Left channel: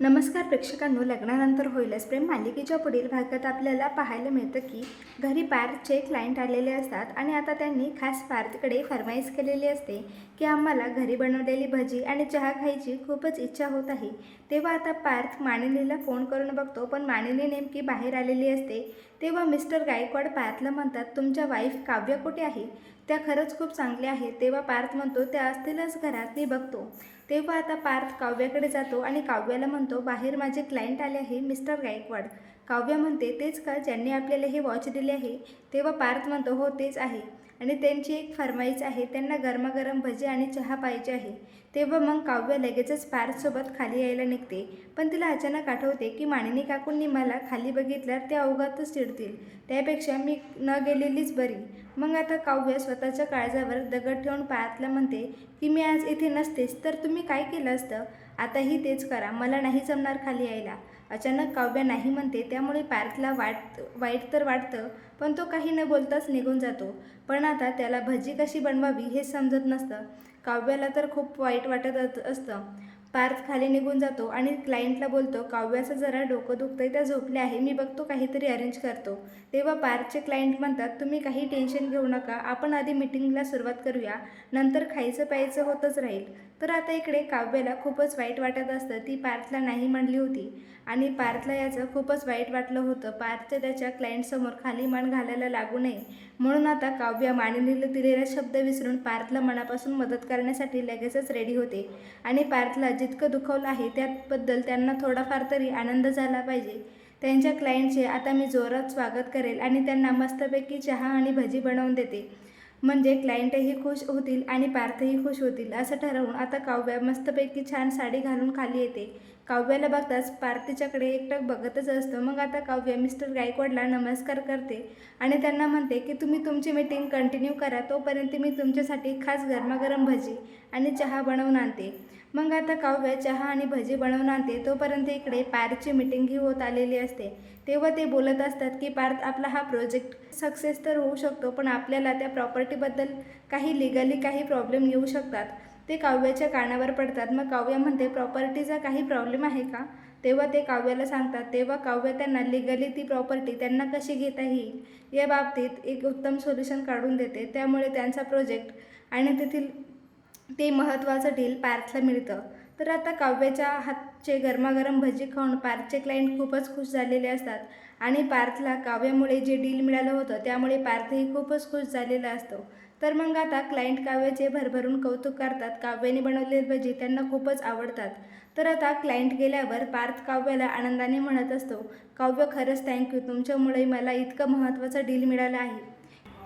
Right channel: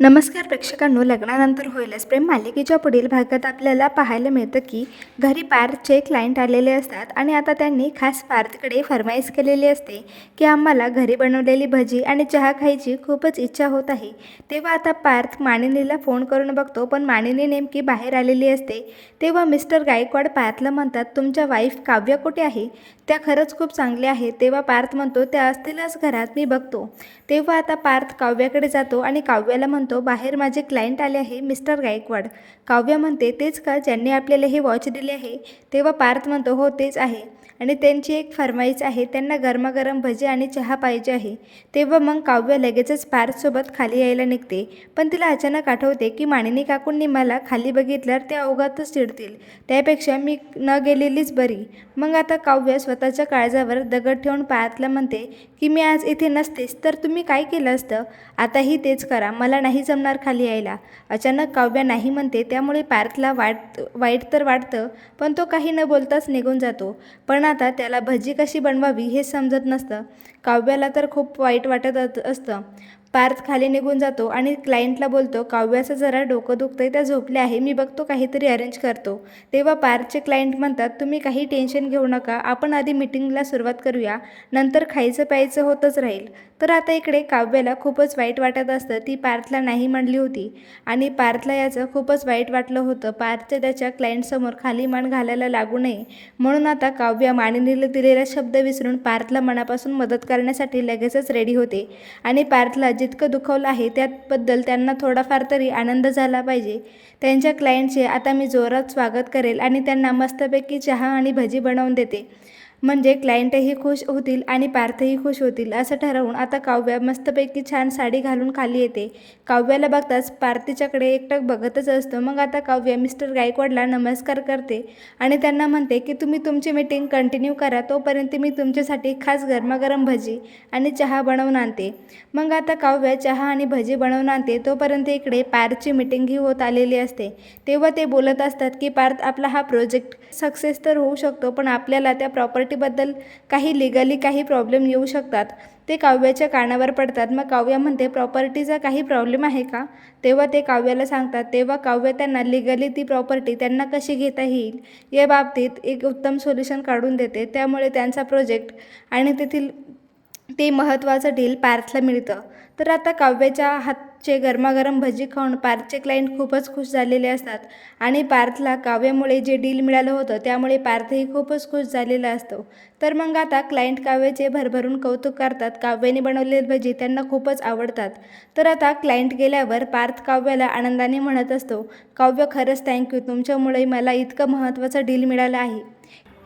नमस्कार प्रेक्षकांनो लग्नानंतर होईलच. प्रेम मालिकेच्या पुढील भागात आपल्याला पाहायला मिळतं की घरी पार्थचे क्लायंट आलेले असतात आणि आता त्यांनी खास पार्थकडे फरमाईश केलेली असते की आम्हाला घरी बनवलेली भजी आणि चहा खायची खूपच इच्छा होत आहे. तेव्हा आता पार्थ मानिनीला फोन करून बघतो पण मानिनी नेमकी बाहेर आलेली असते. तेव्हा मिस्टर गायकवाड पार्थला म्हणतात तुमच्या वाईफ काव्य कुठे आहे? त्या खरंच खूप चांगल्या आहेत. तेव्हा पार्थ म्हणतो त्या असतीलच घरात मी बघतो. तेव्हा आता पार्थ काव्याकडे जातो आणि काव्याला म्हणतो बाहेर माझे क्लायंट आले आहे मिस्टर गायकवाड. काव्य म्हणते तेच का ज्यांनी आपल्याला हे वॉच दिले आहे? तेव्हा पार्थ म्हणतो हो तेच आहे. आणि त्यांची एक फरमाईश आहे त्यांना गरमागरम भजी आणि चहा पाहिजे आहे. तेव्हा मग काव्य लगेचच पार्थसोबत खाली यायला निघते. पण तिला अचानक आठवते की मानिनी काकूंनी मला खाली बघितल्यावर ते अवघातच चिडतील. त्यापेक्षा मी न गेलेलीच बरी. मग आता काव्य स्वतःच्या काळजावर दगड ठेवून पार्थला म्हणते की मी आज इथे नसतेच तर तुम्ही काय केलं असतं? आताही तेच करा मला नाही जमणार खाली यायला. अचानक काव्य नाही म्हणते त्यामुळे पार्थला वाट वाईट तर वाटतं पण तो काही न बोलताच निघून जातो. पण आता त्याला भजी कशी बनवावी हे समजत नसतं. काव्याला तर खूप वाईट वाटत असतं. पार्थ खाली निघून जातो आणि क्लायंटला बोलतो काव्याचं जरा डोकं दुखतंय त्या झोपले आहे मी बघतो काहीतरी अरेंज करतो. तेव्हा पार्थचे क्लायंट म्हणतात तुम्ही काही टेन्शन घेऊ नका आपण आधी मिटिंगला सुरुवात करूया नंतर खायचं प्यायचं होतच राहील. तर आता इकडे काव्याला खूपच वाईट वाटत असतं ती पार्थला नाही म्हणली होती. आणि पार्थला याचं खूपच वाईट वाटलं होतं पार्थच्या त्याच्या क्लायंटसमोर खाली मान घालायला लागू नये. म्हणून आता काव्य मानिनीला दिलेला शब्द विसरून पार्थला मनापासून मदत करण्यासाठी लगेचच रेडी होते. आणि पार्थला जितकं दुखवलं आहे त्याबद्दल त्यांना थोडाफार तरी आनंद झाला पाहिजे. त्यांच्या क्लायंटचे आता मी जोरात स्वागत करेल आणि त्यांना मस्तपैकी चहा आणि भजी बनवून देते. म्हणजे क्लायंटही खुश होतील आणि पार्थही खुश होतील असं ठरवून आता काव्या मस्तपैकी छान साडी घालून खाली येते. काव्याला बघताच पार्थिच्याकडे एकटक बघतच असतो. मग आता काव्य मिस्टर गायकवाडला नमस्कार करते आणि त्यांना म्हणते की तुम्ही तुमची मीटिंग कंटिन्यू करा. तोपर्यंत मी तुमच्यासाठी खास गरमागरम भजी आणि चहा बनवून आणते. मग आता काव्या चहा आणि भजी बनवून आणते. तोपर्यंत इकडे पार्थची मीटिंगही होत आलेली असते. तेव्हा ते बोलत असतात की पार्थ आपला हा प्रोजेक्ट सक्सेस तर होऊ शकतो पण आपल्याला त्या प्रॉपर्टीबद्दल काही लिगली काही प्रॉब्लेम येऊ शकतात. ते काव्याच्या कानावर पडतात. मग काव्य म्हणते प्रॉपर्टीचा काही प्रॉब्लेम आहे का? तेव्हा ते काव्याला सांगतात तेव्हा काव्य त्यांना लिगली ती प्रॉपर्टी त्यांना कशी घेता येईल? या बाबतीत एक उत्तम सोल्युशन काढून देते. त्यामुळे त्यांचा प्रोजेक्ट आणि तेथील ते महत्त्वाचं डील पार्थला मिळतं. तर आता काव्याच्या हात चे गरमागरम भजी खाऊन पार्थचे क्लायंट खूपच खुश झालेले असतात. आणि पार्थला काव्यामुळे जे डील मिळालं होतं त्यामुळे पार्थही खूपच खुश झालेला असतो. तर मग आता क्लायंट काव्याचे भरभरून कौतुक करतात. काव्याने बनवलेले भजी त्यांना खूपच आवडतात. तर आता क्लायंट गेल्यावर पार्थ काव्याला आनंदाने म्हणत असतो काव्य खरंच थँक्यू तुमच्यामुळे मला इतकं महत्त्वाचं डील मिळालं आहे.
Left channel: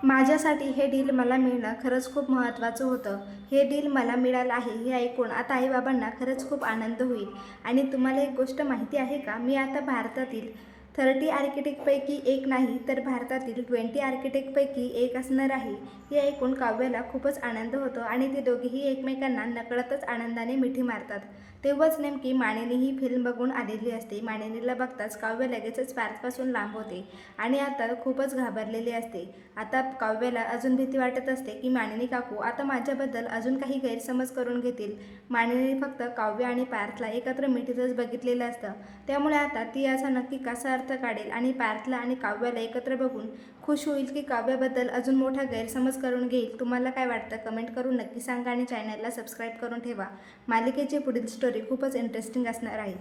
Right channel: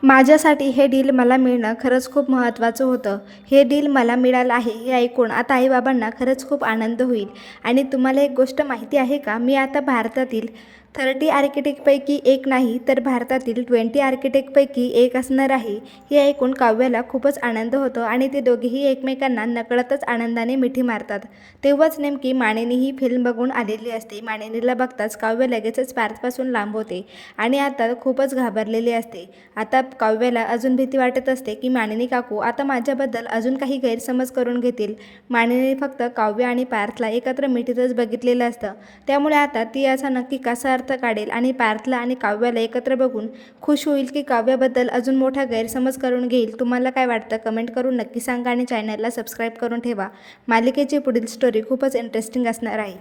माझ्यासाठी हे डील मला मिळणं खरंच खूप महत्त्वाचं होतं. हे डील मला मिळालं आहे हे ऐकून आता आईबाबांना खरंच खूप आनंद होईल. आणि तुम्हाला एक गोष्ट माहिती आहे का? मी आता भारतातील थर्टी आर्किटेक्टपैकी एक नाही तर भारतातील ट्वेंटी आर्किटेक्टपैकी एक असणार आहे हे ऐकून काव्याला खूपच आनंद होतो आणि ते दोघेही एकमेकांना नकळतच आनंदाने मिठी मारतात. तेव्हाच नेमकी मानिनी ही फिल्म बघून आलेली असते. माणिनीला बघताच काव्य लगेचच पार्थपासून लांब होते आणि आता खूपच घाबरलेली असते. आता काव्याला अजून भीती वाटत असते की मानिनी काकू आता माझ्याबद्दल अजून काही गैरसमज करून घेतील? मानिनी फक्त काव्य आणि पार्थला एकत्र मिठीतच बघितलेलं असतं. त्यामुळे आता ती याचा नक्की कसा अर्थ काढेल आणि पार्थला आणि काव्याला एकत्र बघून खुश होईल की काव्याबद्दल अजून मोठा गैरसमज करून घेईल. तुम्हाला काय वाटतं? कमेंट करून नक्की सांगा आणि चॅनलला सबस्क्राईब करून ठेवा. मालिकेची पुढील स्टोरी खूपच इंटरेस्टिंग असणार आहे.